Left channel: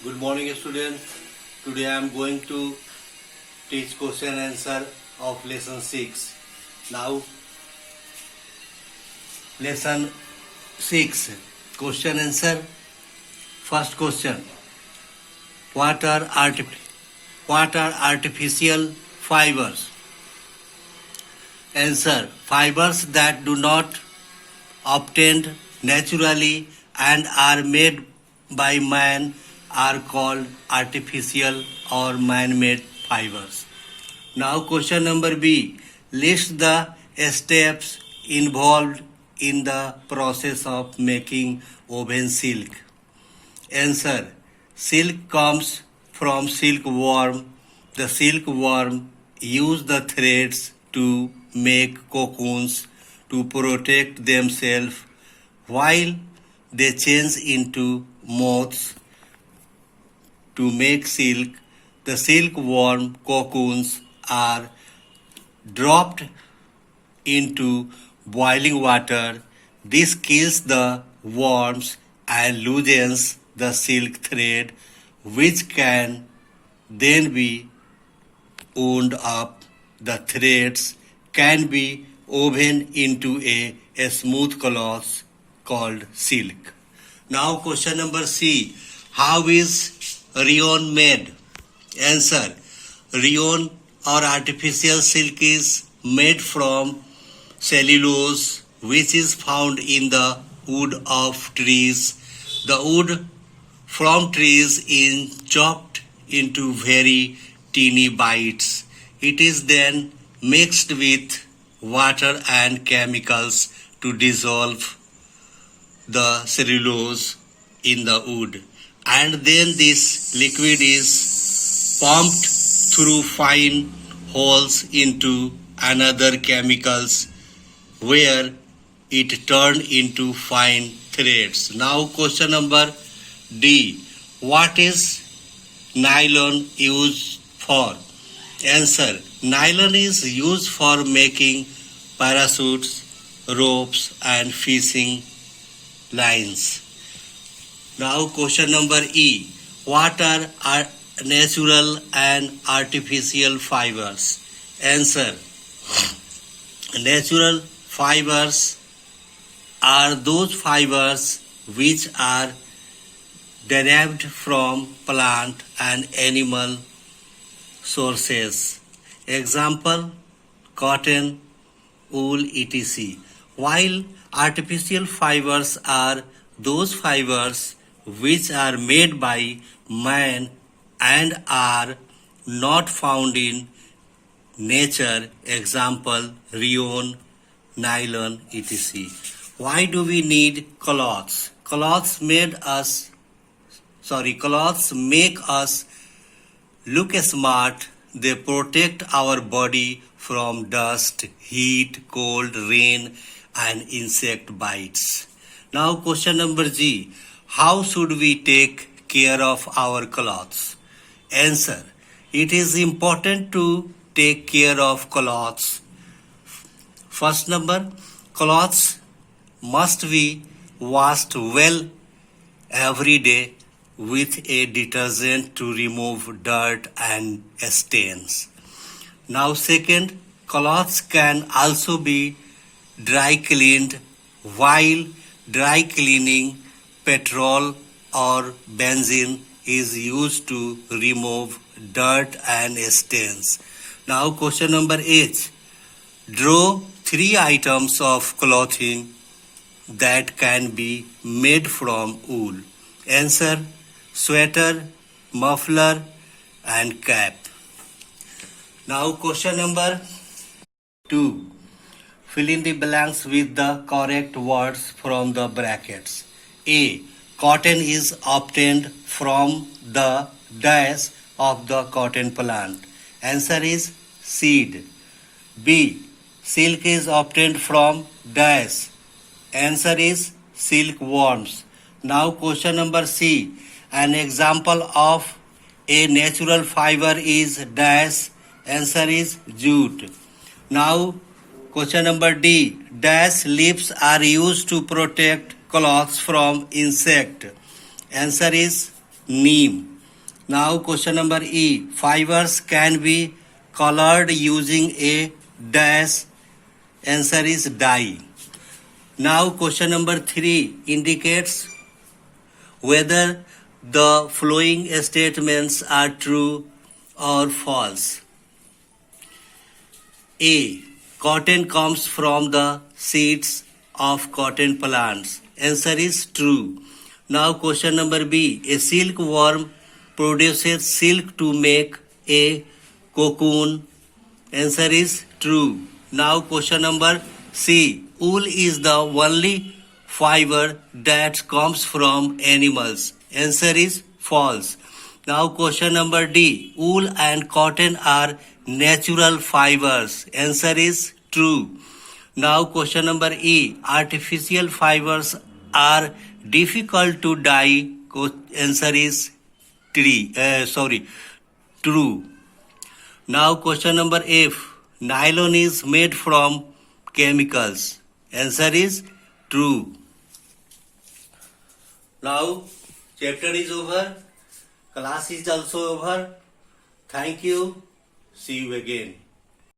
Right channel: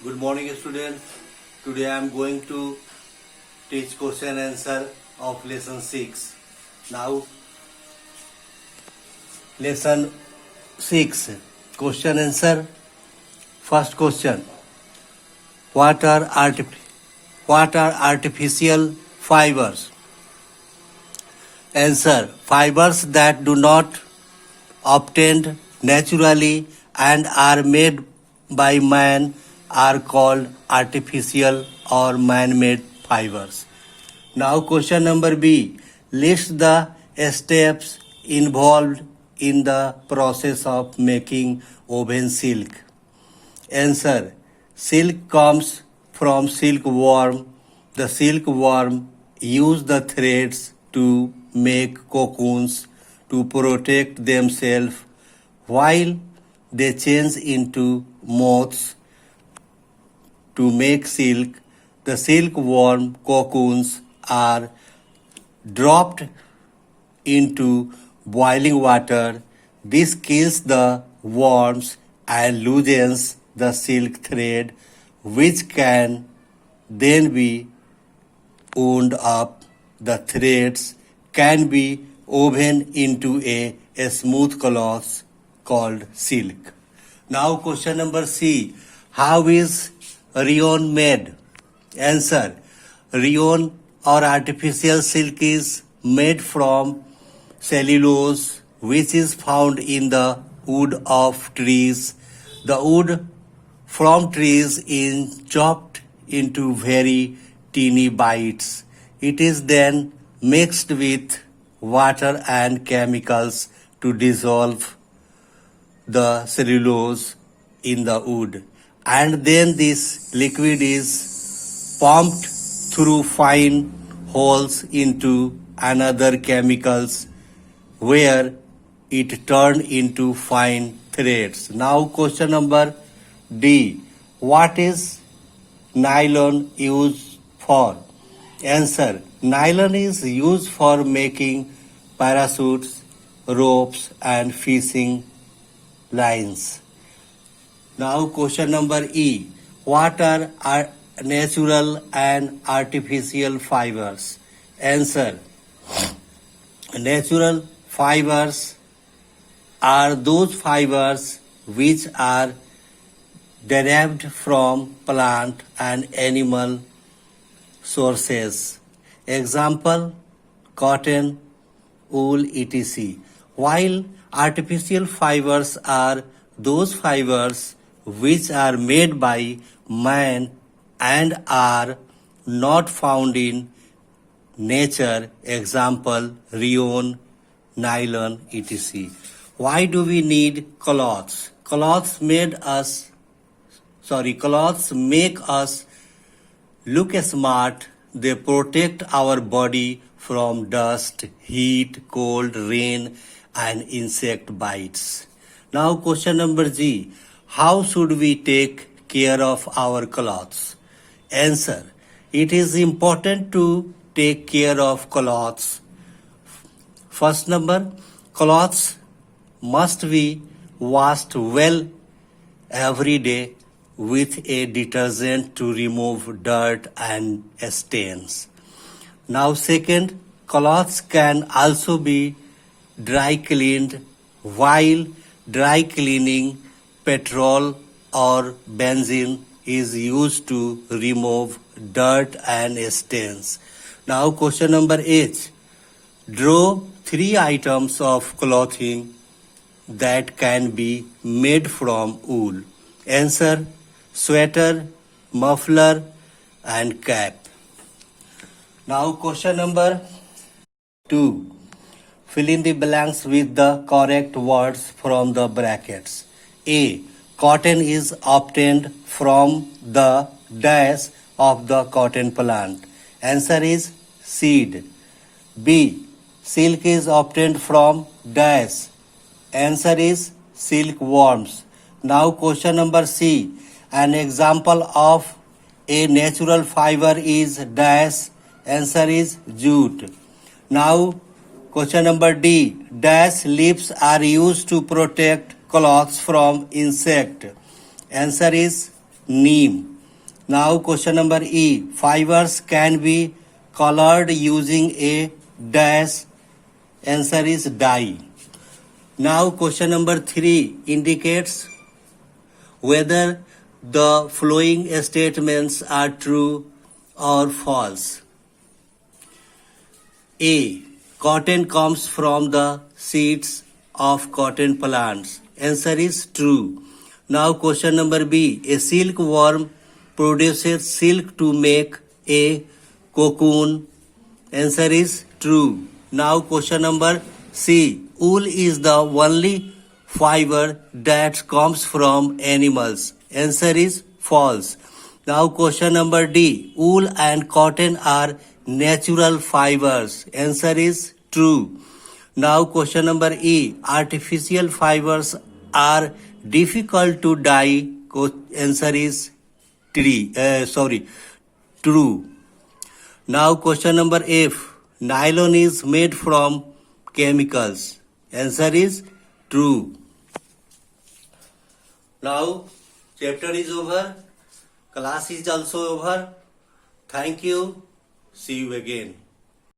Good morning, students. Today I am going to teach question answer of lesson 6. Now, lesson 6 question answer. First question: What are artificial fibers? Answer: Fibers that do not obtained naturally and are made by man are called artificial or man-made fibers. Now question number B. List the steps involved in the process of making woven silk. Answer: Silk comes from silkworm. The silkworm use the threads to make cocoons to protect themselves while they change into moths to make silk. The silkworm cocoons are dropped into boiling water. This kills the worms and loosens the silk thread, which can then be wound up. The threads can be woven into a smooth cloth called silk. Now question number C. How is rayon made? Answer: Rayon or artificial silk is made from cellulose, which is found in the wood of trees. The wood from trees is chopped into very teeny bites. It is then mixed with water and chemicals to dissolve the cellulose in the wood, and then this liquid is pumped through fine holes into another chemicals where it turned into fine threads. Now question number D. What is nylon used for? Answer: Nylon is used for making parachutes, ropes and fishing lines. Now question number E. What are natural and artificial fibers? Answer: Natural fibers are those fibers which are derived from plant and animal sources. Example: cotton, wool, etc. While artificial fibers are those fibers which are made by man and are not found in nature. Example: rayon, nylon, etc. Why do we need cloths? Cloths make us look smart. They protect our body from dust, heat, cold, rain, and insect bites. Now, question number G. How should we take care of our clothes? Answer: It is important to take care of clothes. First number, clothes must be washed well every day with a detergent to remove dirt and stains. Now second, clothes can also be dry cleaned. While dry cleaning, petrol or benzene is used to remove dirt and stains. Now question number H. Draw 3 items of clothing that can be made from wool. Answer: sweater, muffler and cap. Now question number 2. Fill in the blanks with the correct words from the brackets. A. Cotton is obtained from the dash of the cotton plant. Answer is seed. B. Silk is obtained from dash. Answer is silkworms. Now question number C. An example of a natural fiber is dash. Answer is jute. Now question number D. Dash leaves are used to protect clothes from insect. Answer is neem. Now question number E. Fibers can be colored using a dash. Answer is dye. Now question number 3 indicates whether the following statements are true or false. A. Cotton comes from the seeds of cotton plants. Answer is true. Now question number B. A silkworm produces silk to make a cocoon. Answer is true. Now question number C. Wool is the only fiber that comes from animals. Answer is false. Now question number D. Wool and cotton are natural fibers. Answer is true. Now question number E. Artificial fibers are difficult to dye. Answer is true. Now question number F. Nylon is made from chemicals. Answer is true. Now chapter is over. Class is also over. Thank you. See you again.